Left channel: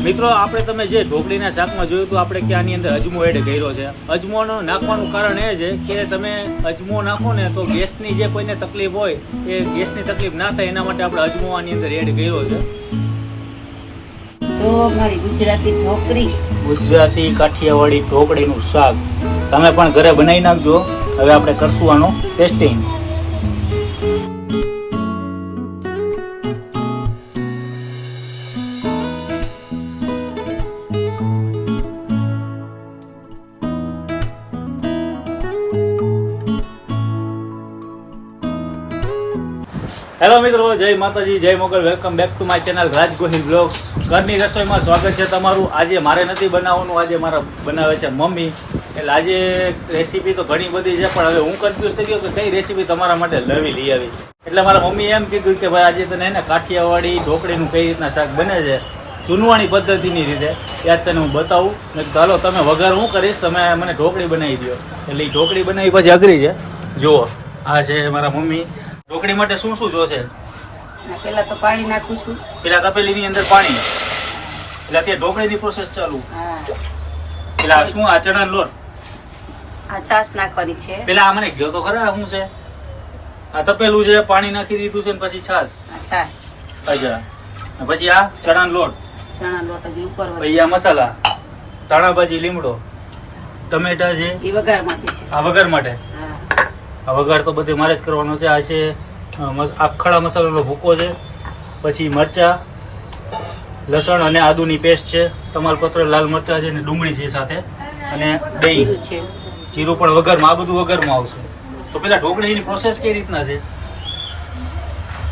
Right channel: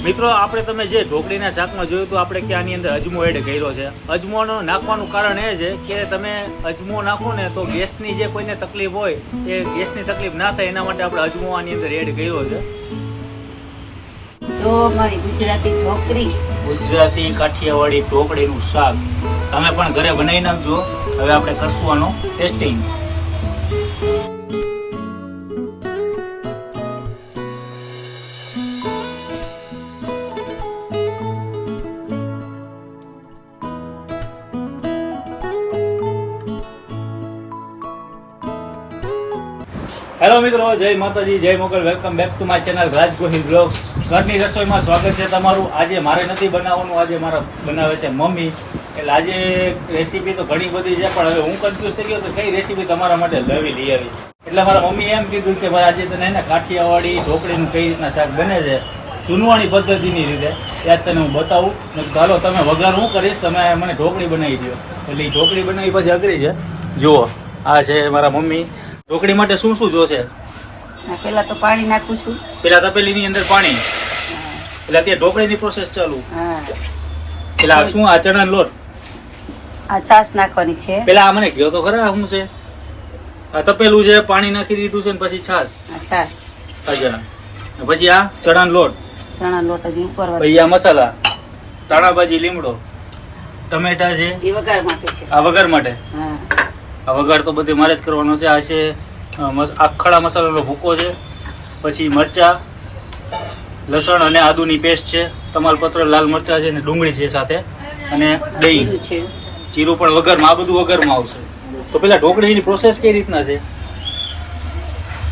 મિત્રો આપણે તમે જે ઢોકળીના શાકમાં જોયું તો આપણે કે આની અંદર અજમો એડ કર્યો છે. અજમોનો નાખવાનું કારણ એ છે કે તમે અજમો નાખો ને તો ગેસની જે કોઈને તકલીફ હોય એ ગેસની તકલીફ ના થાય એના માટે આપણે અજમો આની અંદર એડ કર્યો છે. જો મારી ગુજરાતી ઢોકળી, ગુજરાતી કાઠિયાવાડી ઢોકળીનું શાક તમે પણ ઘરે બનાવી નાખજો. હવે આપણે કરશું આનું ટેસ્ટિંગ. હેલો મિત્રો, જય માતાજી, જય Mogal. Welcome back to my channel Raj Gohil blogs. ઘરની રસોઈમાં સ્વાગત છે તમારું. આજે મારે નથી બનાવવાનું, આજે મારા બનાવે છે મમ્મી. એટલે આજે રેસીપી તો ઘણી બધી છે, પણ હવે હું કન્ફ્યુઝ થઈ ગયો કે કઈ રેસીપી તમારા માટે લઈ આવી. એટલે મારા મમ્મીએ એમ કીધું કે ભાઈ આજે તને એને કાઠિયાવાડી ઢોકળીનું કઈ રીતના શાક બને છે ચૂનવાણી પદ્ધતિની રીતે યાદ તને હું બતાવું. ને ચાલો તમે વઘાર હું કરીશ, તમે મને ઢોકળી બનાવી દો. એટલે એ ઢોકળી બનાવી પછી અઘરી છે. જુઓ, આ છે મારા મમ્મી. ઢોકળી માટે શું શું જોશે? પેલા તો પાણી નાખું છું. પેલા તપેલીની અંદર પાણી, એટલે અત્યારે ઢોકળીની પ્રોસેસ ચાલુ. પેલા શું આ ચણા લોટ, આ છાશ નાખવાની છે. પેલા આ મને ગયો તો ખરા શું છે? આ તપેલું છે, પાણી નાખી દીધું છે, ને પછી છાશ. છાશ. અચ્છા. પછી આ ચણા લોટ, ચણા લોટ હજી ઉપર. પછી આ મસાલા, ધાણા ભાજી, લીમડો, ટમેટા છે. એ વઘાર માટે છે. આ વઘાર માટે. હા, આ વઘાર તો બધે મારે જ કરવાનો છે. આ છે આખડા મસાલાનો ભૂકો છે, પછી મરચા, લસણ અને આદુની પેસ્ટ છે, તમાલપત્ર, લાલ મરચા છે, અને ડુંગળી છે સાથે, અને દહીં છે. જીરું પણ વઘારમાં. આ બધું વઘારમાં આવશે. તો પેલા ઢોકળીની પ્રોસેસ કઈ રીતના છે?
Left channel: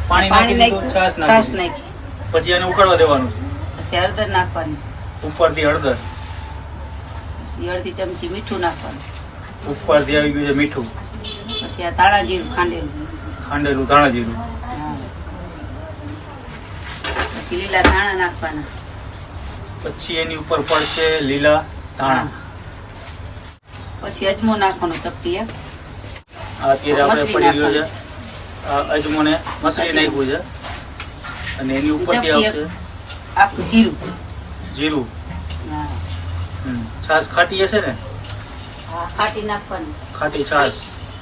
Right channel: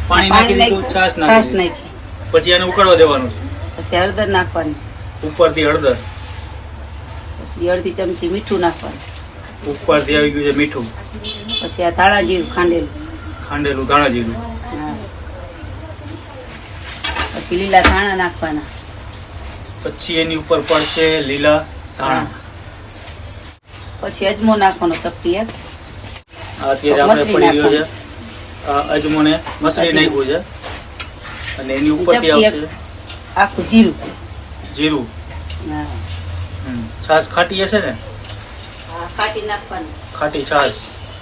પાણી નાખી દીધું, છાશ નાખી, પછી એને ઉકળવા દેવાનું છે. પછી હળદર નાખવાની, ઉપરથી હળદર, પછી અડધી ચમચી મીઠું નાખવાનું, ઉપરથી આવી ગયું છે મીઠું, પછી આ ધાણા જીરું ખાંડેલું ધાણા જીરું, પછી લીલા ધાણા નાખવાના, પછી એની ઉપર પડશે લીલા ધાણા, પછી અજમો નાખવાનો ચપટી એક. આ અત્યારે આપણે પડી ગયો છે આ અજમોને મસળી નાખ્યું છે, અને એની ઉપરથી આવશે આખું જીરું. જીરું. હા, છાશ ખાટી હશે ને? ખાટી નાખવાની, ખાટી છાશ.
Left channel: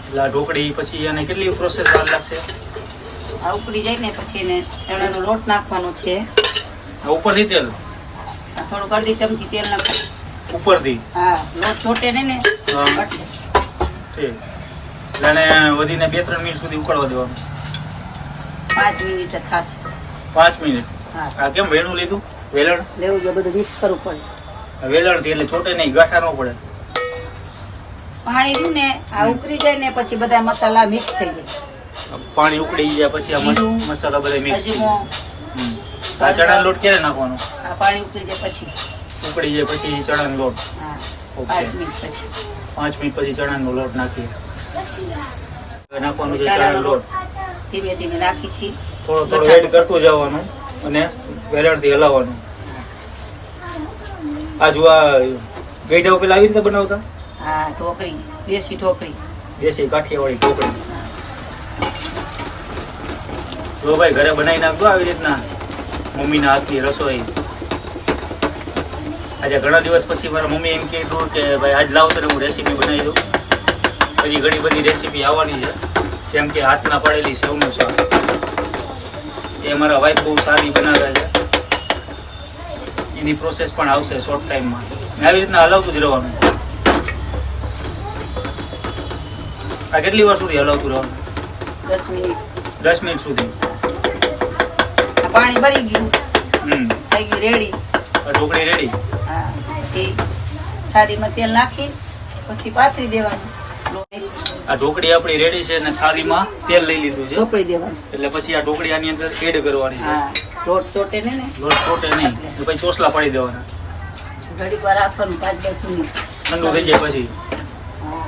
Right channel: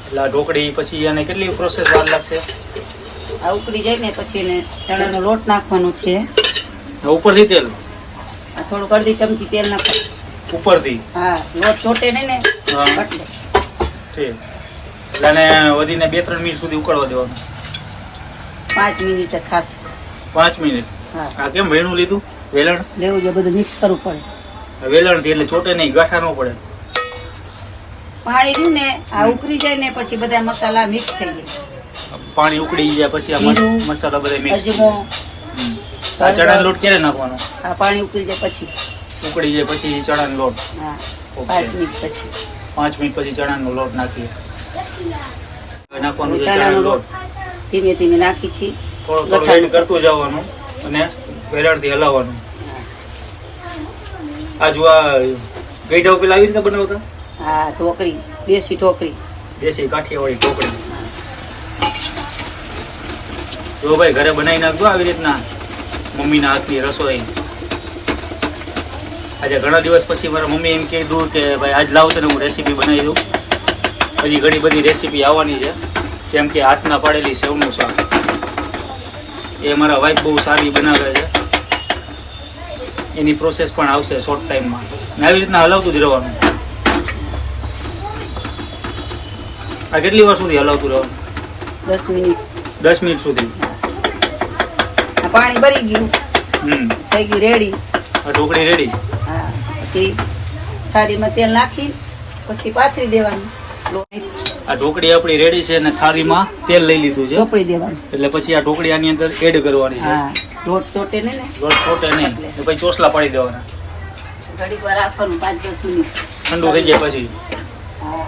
એટલે આ ઢોકળી પછી એને કેટલી પ્રોસેસ વાર લાગશે? આ ઉકળી જાય ને પછી એને ચણાનો લોટ નાખવાનો છે. ઉપરથી તેલ, આ થોડુંક અડધી ચમચી તેલ નાખવાનું ઉપરથી. હા, લોટ ચોટે નહીં ને હા, એટલે. ઠીક. એટલે એને વધીને 2-3 મિનિટ સુધી ઉકળવા દેવાનું. 5 મિનિટ થશે. 5 મિનિટ. હા, આ કેમ વેણું લીધું? વેલણ? લેવું જોઈએ, બધું મિક્સ કરવું પડે. વેલણથી, એટલે ચોટે નહીં, ગાંઠા ન પડે. પાણી રહ્યું ને આ ઉકળી જાય ને પછી બધા મસાલા મિક્સ થઈ જાય. પાણી ઉકળી જાય પછી આ મસાલા બધા મિક્સ. અજમો, આ ચણાનો લોટ ક્યારે નાખવાનો? આ પાણી ઉકળી જાય પછી. ઉકળી જાય પછી ચણાનો લોટ. હા, ઓકે. 5 મિનિટ પછી. 5 મિનિટ પછી ચણાનો લોટ નાખીએ. હવે નાખવાનું છે ચણાનો લોટ. ધીમે ધીમે નાખી છીએ. થોડું થોડું એડ કરતું જવાનું અને વેલણથી હલાવવાનું. આ જો આ ગઈઢા પેલા આવી રીતે બનાવતા? હા, ઢોકળી, દેશી ઢોકળી, દેશી કાઠિયાવાડી ઢોકળી. જો ભાઈ ઘરે બનાવી નાખજો આવી રીતના મમ્મીના હાથની રસોઈ. આજે ઘણા દિવસ પછી મારા મમ્મી એમ કીધું કે ભાઈ આજ લાવ તને હું રેસીપી બનાવી દઉં. હજી ઘણી બધી રેસીપી આવવાની છે, જેમ કે હાથના પાડેલી સેવનું શાક. એ મારા વાઈફ બહુ સારી બનાવે છે. એની પ્રોસેસ પણ આવશે શોર્ટ ટાઈમમાં. આવી રીતના હલાવતું જ રહેવાનું. આ કેટલી વાર સુધી હલાવતું રહેવાનું? 10 મિનિટ. 10 મિનિટ સુધી. પાણી ભરી ગયું, થઈ ગઈ રેડી. આ ઢોકળી રેડી. હા, પછી થાળીમાં તેલ નાખી પછી પાથરી દેવાનું. આ ઢોકળી આપણી રેડી છે અને થાળીમાં તેલ લઈ લીધું છે. ચોપડી દેવાનું. એટલે પછી આ ઢોકળી આની અંદર એડ કરવાની છે. હા, લોટ ચોટે નહીં ને. લોટ છોટે નહીં. પછી ચોસલા પાડી દેવાના. ઘડીક વાર રાખવાનું, 5-10 મિનિટ. ઠંડુ થઈ જાય પછી હા,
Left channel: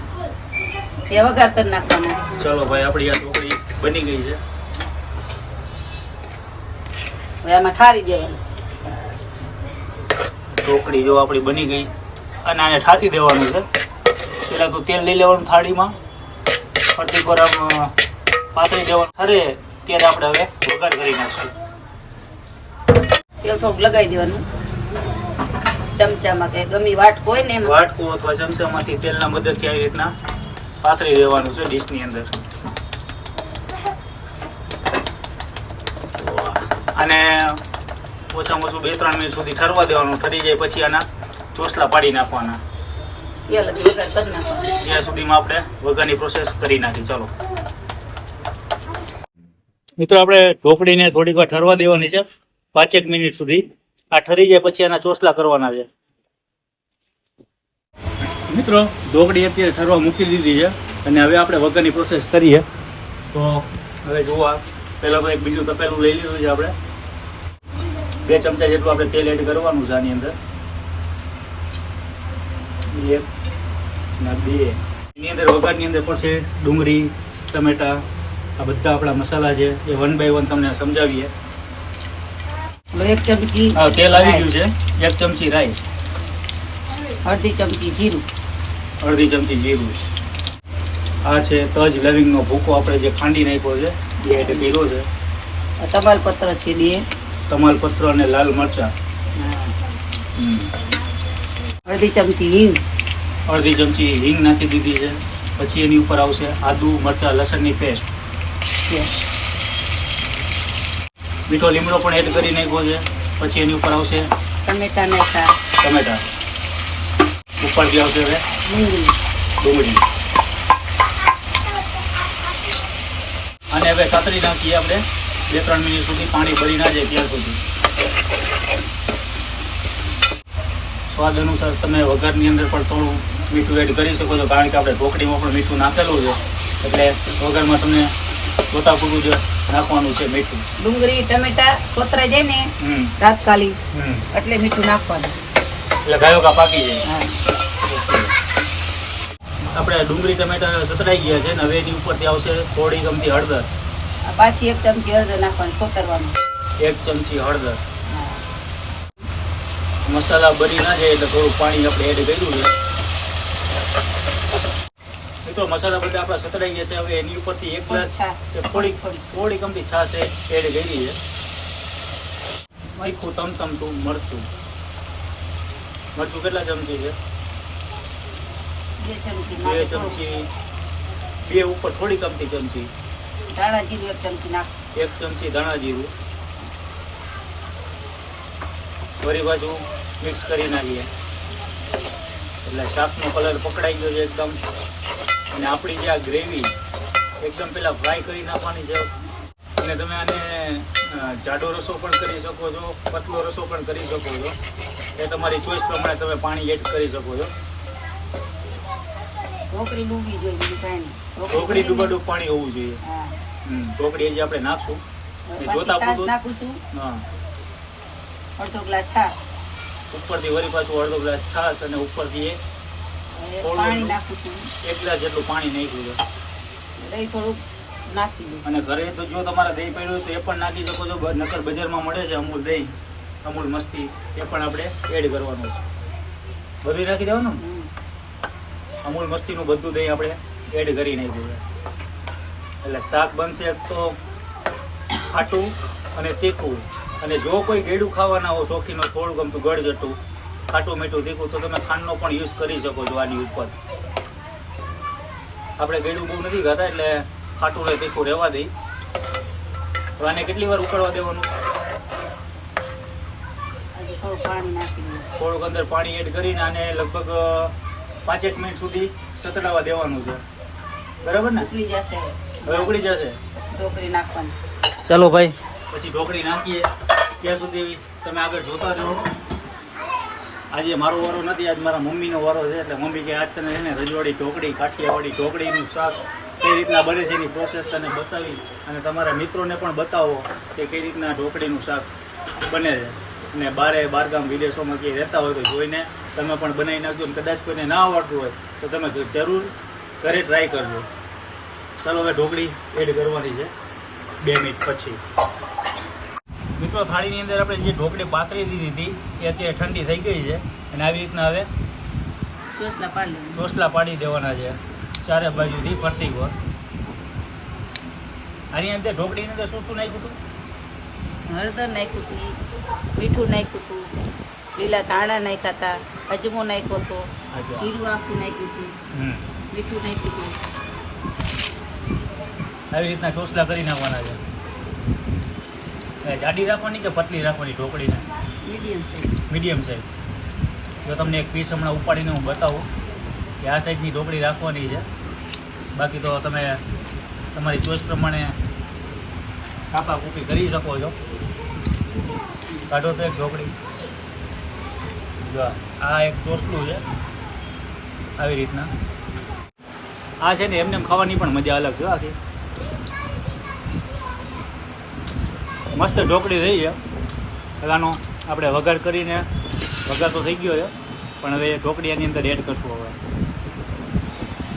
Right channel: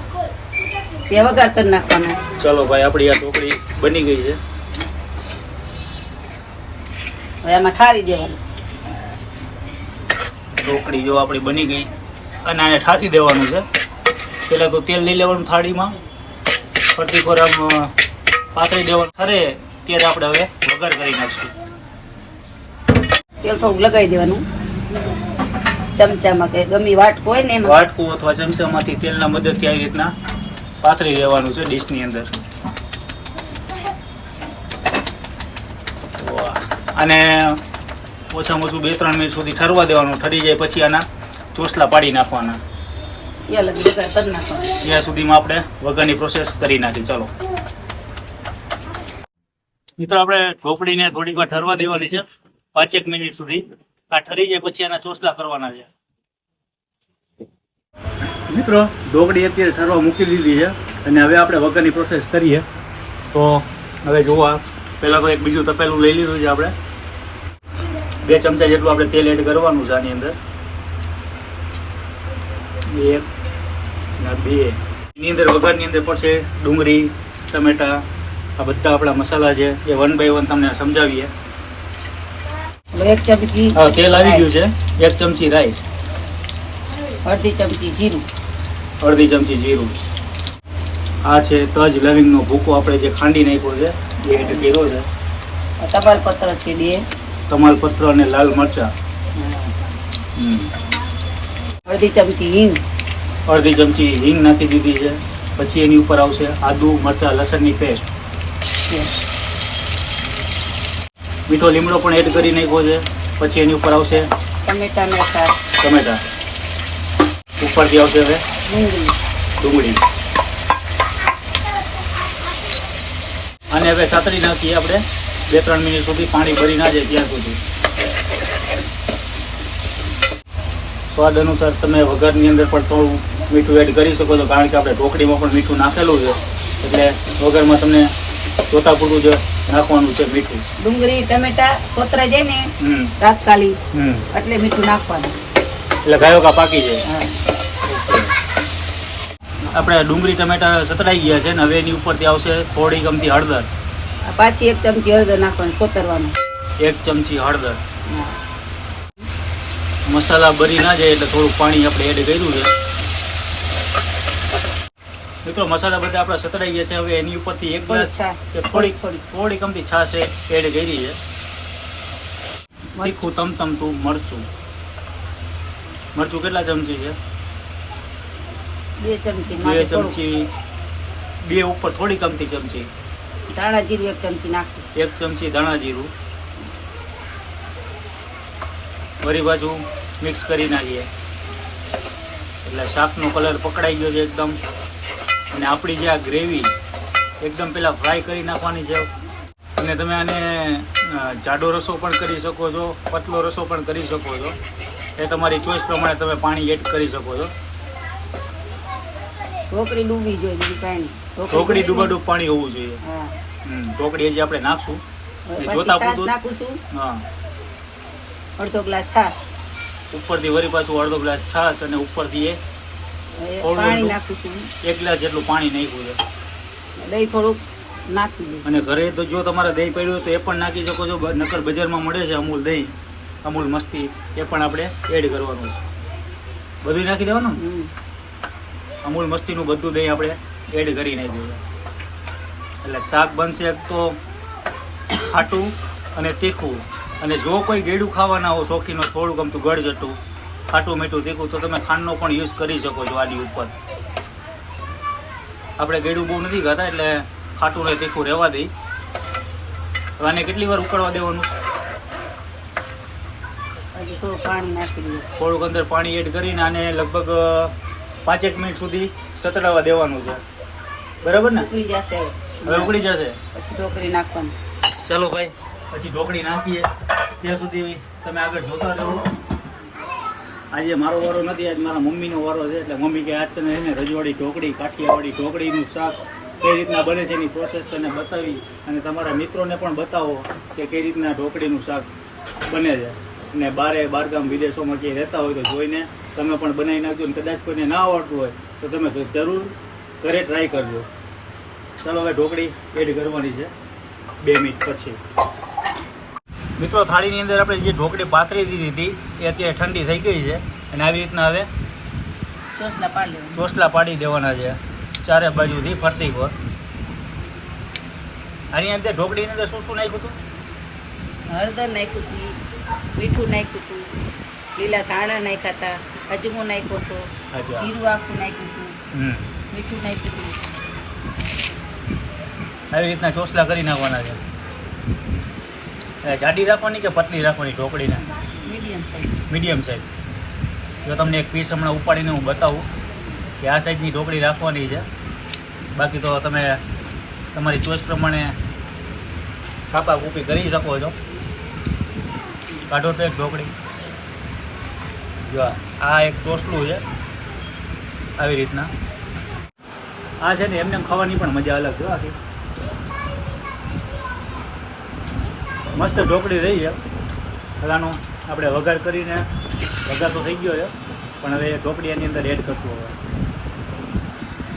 તે વઘાર કરી નાખવાનું. ચલો ભાઈ, આપણી આ ઢોકળી બની ગઈ છે. હવે આમાં ઠારી દેવાનું. ઢોકળી જો આપણી બની ગઈ અને આને ઠારી દેવાનું છે. પેલા તો તેલ લઈ લેવાનું થાળીમાં, ફરતી પર આમ પાતળી દેવાનું. ખરે ત્યારે આપણે હવે વઘાર કરી નાખશું. તેલ થોડુંક લગાવી દેવાનું. ચમચામાં કે ગમી વાટકો હોય ને એમાં વાટકું અથવા ચમચામાંથી તેલના મદદથી આવી રીતના પાથરી દેવાનું છે ડીશની અંદર. અને ઓછામાં ઓછું 2-3 મિનિટ સુધી ઠરવા દેવાનું. ઠરી જાય પછી આના ચોસલા પાડી નાખવાના. તેલ વગર કરી નાખવાનું. ત્યાં સુધીમાં આપણે વઘારની પ્રોસેસ કરી નાખી. ચાલો મિત્રો, આપણે ઢોકળીને થોડીક વાર ઠરવા દેવાની છે 5 મિનિટ સુધી. આ ઠરી જાય પછી આના ચોસલા કરવાના છે. મિત્રો, ઢોકળી અત્યારે ઠરવા મૂકી દીધી છે અને હવે આપણે વઘારની પ્રોસેસ કરીએ. તો હવે જોવા પહેલાં તો એક બીજું તપેલું લઈ લીધું છે આપણે. 2 ચમચા જેટલું આપણે તેલ એડ કરવાનું છે આની અંદર. 1 અને 2. એની અંદર વઘારની અંદર પડશે ડુંગળી, ટમેટા, આ બધા આપણા મસાલા છે એ 1 by 1 તમને સમજાવીએ. 1 ચમચી તેલ આવી ગયું છે. 1 ચમચી રાઈ, અડધી ચમચી જીરું, અડધી ચમચી જીરું. આ છે તજ લવિંગનો ભૂકો આપણે જે ખાંડી નાખ્યો છે એ એડ કર્યો છે. તમાલપત્ર છે 2, તમાલપત્ર અને લાલ મરચાં. અડધી ચમચી હિંગ, અડધી ચમચી હિંગ નાખી દીધી છે. પછી એની ઉપર આવશે આદુ, મરચાં, લસણની પેસ્ટ. મીઠો લીમડો પણ એડ કરી નાખ્યો છે. પછી એની ઉપર આવશે ટમેટા ને છાશ, ટમેટા. ઉપરથી આવશે હવે ડુંગળી. અને હવે સાતરી નાખીએ આપણે 2-3 મિનિટ સુધી, પાણી ભરી ના જાય ત્યાં સુધી. સ્વાદ અનુસાર તમે વઘારની અંદર પણ થોડું મીઠું એડ કરી શકો છો, કારણ કે આપણે ઢોકળીમાં પણ મીઠું નાખેલું છે. એટલે વઘારમાં તમને જોતા પૂરતું જ નાખવાનું છે મીઠું. ડુંગળી ટમેટા કોતરાઈ જાય ને તાત્કાલિક એટલે મીઠું નાખવાનું, એટલે ગાયો કા પાકી જાય. આપણે ડુંગળી ટમેટા સતડાઈ ગયા છે ને હવે એની ઉપરથી આવશે થોડી ગમતી હળદર. પાછી 1 ચમચી હળદર નાખવાનું, કોતરવાનું. 1 ચમચી હળદર. મસાલા બરી ના જાય એટલે થોડું પાણી આપણે એડ કર્યું છે. મિત્રો, મસાલા બધા આપણા સતડાઈ ગયા છે. હવે એની ઉપરથી 1 ગ્લાસ થોડી ગમતી છાશ એડ કરી છે. તીખું તમતમતું મરચું. મરચું કેટલા ચમચી છે? 2 ચમચી. 2 ચમચી. 2 ઉપર થોડી ગમતી ચમચી. ધાણા જીરું 1 ચમચી નાખવું. 1 ચમચી ધાણા જીરું. વળી બાજુ મિક્સ કરી નાખીએ એટલે શાકનો કલર પકડાઈ ગયો છે એકદમ. અને આપણી જે આ ગ્રેવી એકદમ પહેલાં ફ્રાય કરી નાખવાની છે. અને તમે આને જાડો રસો પણ કરી શકો છો, પતલો રસો પણ કરી શકો છો. એ તમારી ચોઈસ પ્રમાણે તમે પાણી એડ કરી શકો છો. ઢોકળી ડૂબી જોઈએ, બીજું કાંઈ નહીં. ઢોકળી ડૂબાડૂબ પાણી હોવું જોઈએ. ઢોકળી હજી આપણે નાખશું જોતા પૂરતું. નાખું છું હા, અડધો ગ્લાસ છાશ, ઉપરથી વળી પાછું અડધો ગ્લાસ છાશ અને ઉપરથી પાણી નાખું છું. 1 ગ્લાસ જેટલું પાણી નાખ્યું છે. દહીં થોડુંક નાખી દઉં. અને ઘરે તો જો તમારે દહીં પડ્યું હોય તો એ પણ નાખી શકો છો. નકર બજારમાં મળે છે અમૂલ દહીં, અમૂલ મસ્તી, એ પણ આપણે એડ કરવાનું છે. બધું નાખી દેવાનું. અમૂલ મસ્તીનું બધું દહીં આપણે એડ કરી નાખ્યું છે. એટલે શાક બનશે એક તો ખાટું અને તીખું. અને જો કોઈ ગેડું ખાવાના હો શોખીનો, થોડું ગમતું ગળજટું, ખાટું મીઠું તીખું, તો તમે ખાંડનો પણ યુઝ કરી શકો છો આની ઉપર. આપણે ગેડું બહુ નથી ખાતા એટલે ખાટું ને તીખું રહેવા દઈ. હવે આને કેટલી વાર ઉકળવા દેવાનું? થોડું પાણી નાખી દઉં. થોડુંક અંદર પાણી એડ કરીને આને લગભગ 5 મિનિટ સુધી સતડાવા દેવાનું છે. બરાબર ને? ઉકળી જશે હવે ઉકળી જશે પછી ઢોકળી નાખવાની. ચાલો ભાઈ, પછી ઢોકળી નાખીએ. ત્યાં સુધી તમે આગળ જોતા રહો. આજે મારો વારો નથી, આજ મારા મમ્મીનો વારો છે. એટલે મમ્મી કે આજ તને છે ને રજવાડી ઢોકળી, કાઠિયાવાડી ઢોકળીનું શાક કઈ રીતના બને છે એની પ્રોસેસ તને બતાવી અને તમારા મિત્રોને પણ બતાવો કે કઈ રીતના ઢોકળીનું શાક બને છે. અને બહારગામ વિદેશોમાં ક્યાંય રહેતા હોય તો જોઈને તમે પણ બનાવી નાખજો. અને કદાચ કોઈને ના આવડતું હોય તો તમે જરૂર ઘરે ટ્રાય કરજો. ચાલો હવે ઢોકળી એડ કરવાની છે 2 મિનિટ પછી. મિત્રો, થાળીની અંદર આપણે જે ઢોકળી પાથરી દીધી હતી એ અત્યારે ઠંડી થઈ ગઈ છે. અને આવી રીતના હવે ચોસલા પાડી દેવાના છે ચારે બાજુથી ફરતી ગોળ. આની અંદર ઢોકળીની અંદર શું શું નાખ્યું હતું? હળદર નાખ્યું હતું, મીઠું નાખ્યું હતું, લીલા ધાણા નાખ્યા હતા, અજમો નાખ્યો હતો, અચ્છા. જીરું આખું નાખ્યું હતું, હમ મીઠું નાખ્યું હતું. આવી રીતના ચોસલા કરી નાખવાના છે. જાડી રાખવાની કે પતલી રાખવાની ઢોકળીને? Medium size. Medium size. જો તમને એક પીસ હમણાં ઉપાડીને હું બતાવું કે આ સાઈઝની ઢોકળી રાખવાની છે. બાકી તો તમે તમારી ચોઈસ પ્રમાણે કાપા કૂપી કરી શકો છો. કાઢો તો એક ઢોકળી. જો આ એક ચોસલું છે આવી રીતના. આ છે ને એમને ખાવાની પણ મજા અલગ છે. આથી મસ્ત ઢોકળી રહી છે. પહેલાંનો આપણે વઘાર કરીને વઘાર તો થઈ ગયો છે, પણ હવે ઢોકળી આની અંદર એડ કરશું. હવે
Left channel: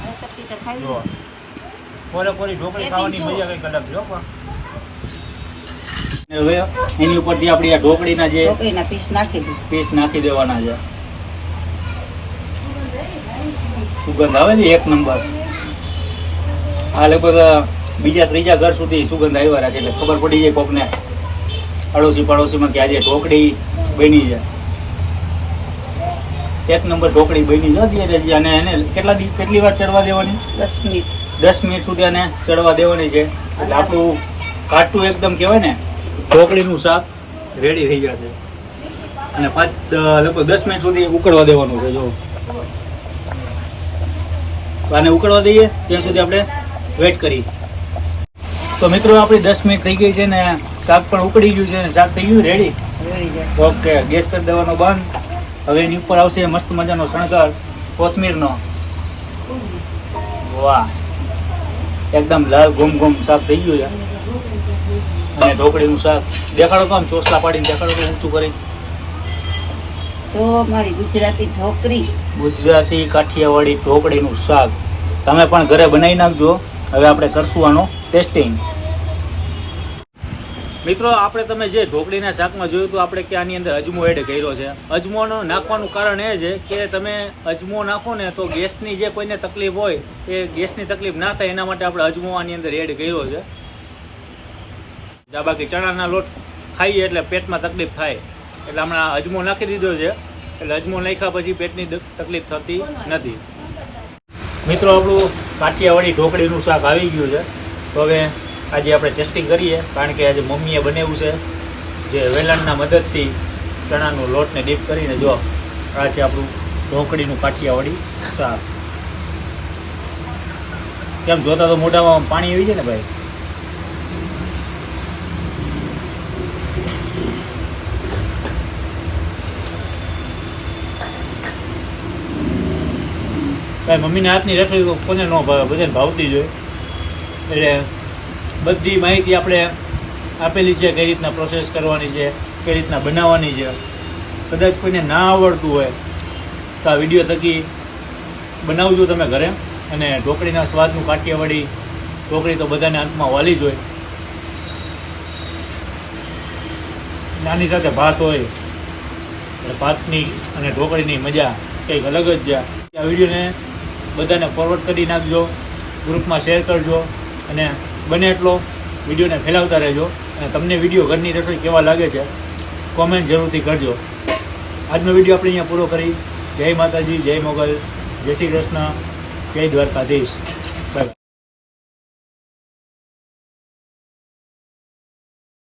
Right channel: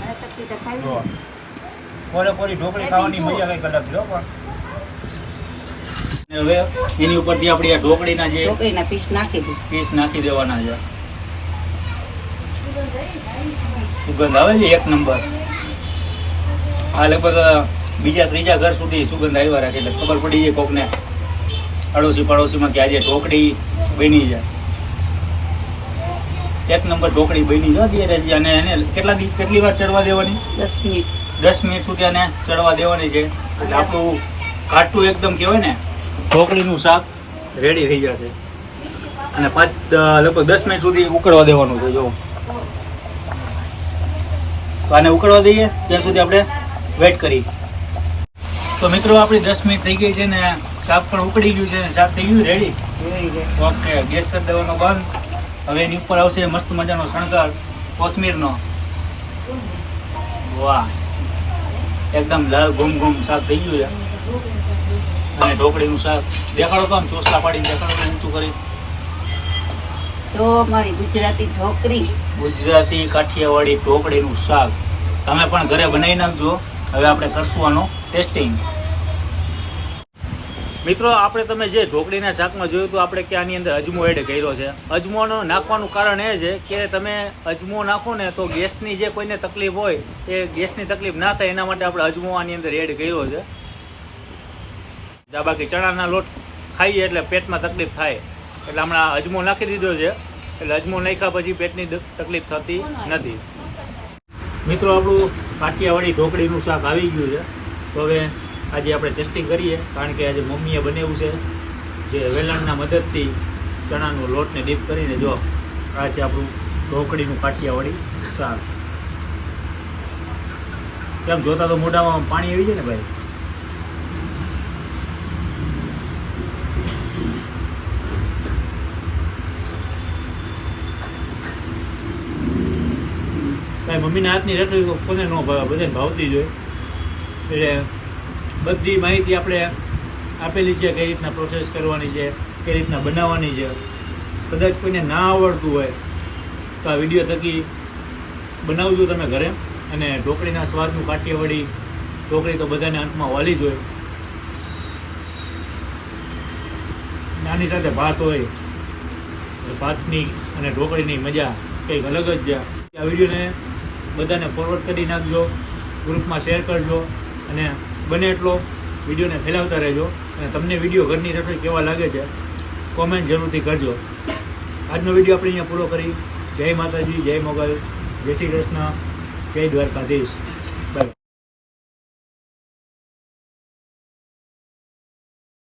અને શક્તિ તો ખાવી જો છે. કોરી ઢોકળી ખાવાની મજા કંઈક અલગ છે. પણ હવે એની ઉપરથી આપણી આ ઢોકળીના જે ઢોકળીના પીસ નાખી દઉં. પીસ નાખી દેવાના છે. સુગંધ આવે છે એક નંબર. આ લગભગ બીજા ત્રીજા ઘર સુધી સુગંધ આવ્યા રાખે એટલે ખબર પડી જાય કોકને અડોશી પડોશીમાં કે આજે ઢોકળી બની છે. એક નંબર ઢોકળી બની છે ધીરે. અને એને કેટલી વાર ચડવા દેવાની? 10 મિનિટ. 10 મિનિટ સુધી આને ચડવા દેવાની છે. એટલે આપણું કાટું એકદમ કહેવાય ને ઢોકળીનું શાક રેડી થઈ જશે. અને લગભગ 10 મિનિટ સુધી ઉકળવા દેવાનું છે. જો આને ઉકળવા દઈએ ત્યાં સુધી આપણે વેઇટ કરી. તો મિત્રો આપણી 10 મિનિટ થઈ ગઈ છે ને શાક પણ ઉકળી ગયું છે ને શાક થઈ ગયું રેડી. ઓકે, ગેસ કરી દેવાનો બંધ. હવે એની ઉપર આવશે મસ્ત મજાનો શણગાર કોથમીરનો. વાહ, એકદમ લાલ ઘૂમ ઘૂમ શાક થઈ ગયું છે. અને ઢોકળીનું શાક દેખાડો તો આમ ચોસલા પાડીને દેખાડો તો ઊંચું કરી. જો મારી ગુજરાતી ઢોકળી. ગુજરાતી કાઠિયાવાડી ઢોકળીનું શાક તમે પણ ઘરે બનાવી નાખજો. હવે આપણે કરશું આનો ટેસ્ટિંગ. મિત્રો આપણે તમે જે ઢોકળીના શાકમાં જોયું તો આપણે કે આની અંદર અજમો એડ કર્યો છે. અજમોનો નાખવાનું કારણ એ છે કે તમે અજમો નાખો ને તો ગેસની જે કોઈને તકલીફ હોય એ ગેસની તકલીફ ના થાય એના માટે આપણે અજમો આની અંદર એડ કર્યો છે. બાકી ચણાના લોટ ખાઈએ એટલે પેટમાં તકલીફ થાય એટલે હમણાં અજમો નાખી દીધો છે. એટલે અજમો નાખ્યા પછી પેટની તકલીફ થતી નથી. મિત્રો આપણું કાઠિયાવાડી ઢોકળીનું શાક આવી ગયું છે. તો હવે આજે આપણે ટેસ્ટિંગ કરીએ, કારણ કે આજે મમ્મીએ બનાવ્યું છે જે વેલણના મદદથી ચણાનું લોટને ડીપ કરીને. જો આ છે આપણું ઢોકળીનું કાઠિયાવાડી શાક. કેમ જોતા તો મોઢામાં પાણી આવી જાય ને ભાઈ. ભાઈ મમ્મીના હાથની રસોઈ કોને ન ભાવે, બધાને ભાવતી જ હોય. એટલે બધી માહિતી આપણે આપેલી છે, કઈ રીતના પ્રોસેસ કરવાની છે, કઈ રીતના બનાવવાની છે. કદાચ કોઈને ના આવડતું હોય તો આ વિડીયો થકી બનાવજો તમે ઘરે. અને ઢોકળીના સ્વાદનું કાઠિયાવાડી ઢોકળી તો બધાને અંતમાં વાલી જ હોય. નાની સાથે ભાત હોય એટલે ભાતની અને ઢોકળીની મજા કંઈક અલગ જ છે. આ વિડીયોને બધાને ફોરવર્ડ કરી નાખજો, ગ્રુપમાં શેર કરજો અને બને એટલો વિડીયોને ફેલાવતા રહેજો. અને તમને વિડીયો ઘરની રસોઈ કેવા લાગે છે કોમેન્ટ જરૂરથી કરજો. આજનો વિડીયો આપણે અહીંયા પૂરો કરી. જય માતાજી, જય મોગલ, જય શ્રી કૃષ્ણ, જય દ્વારકાધીશ.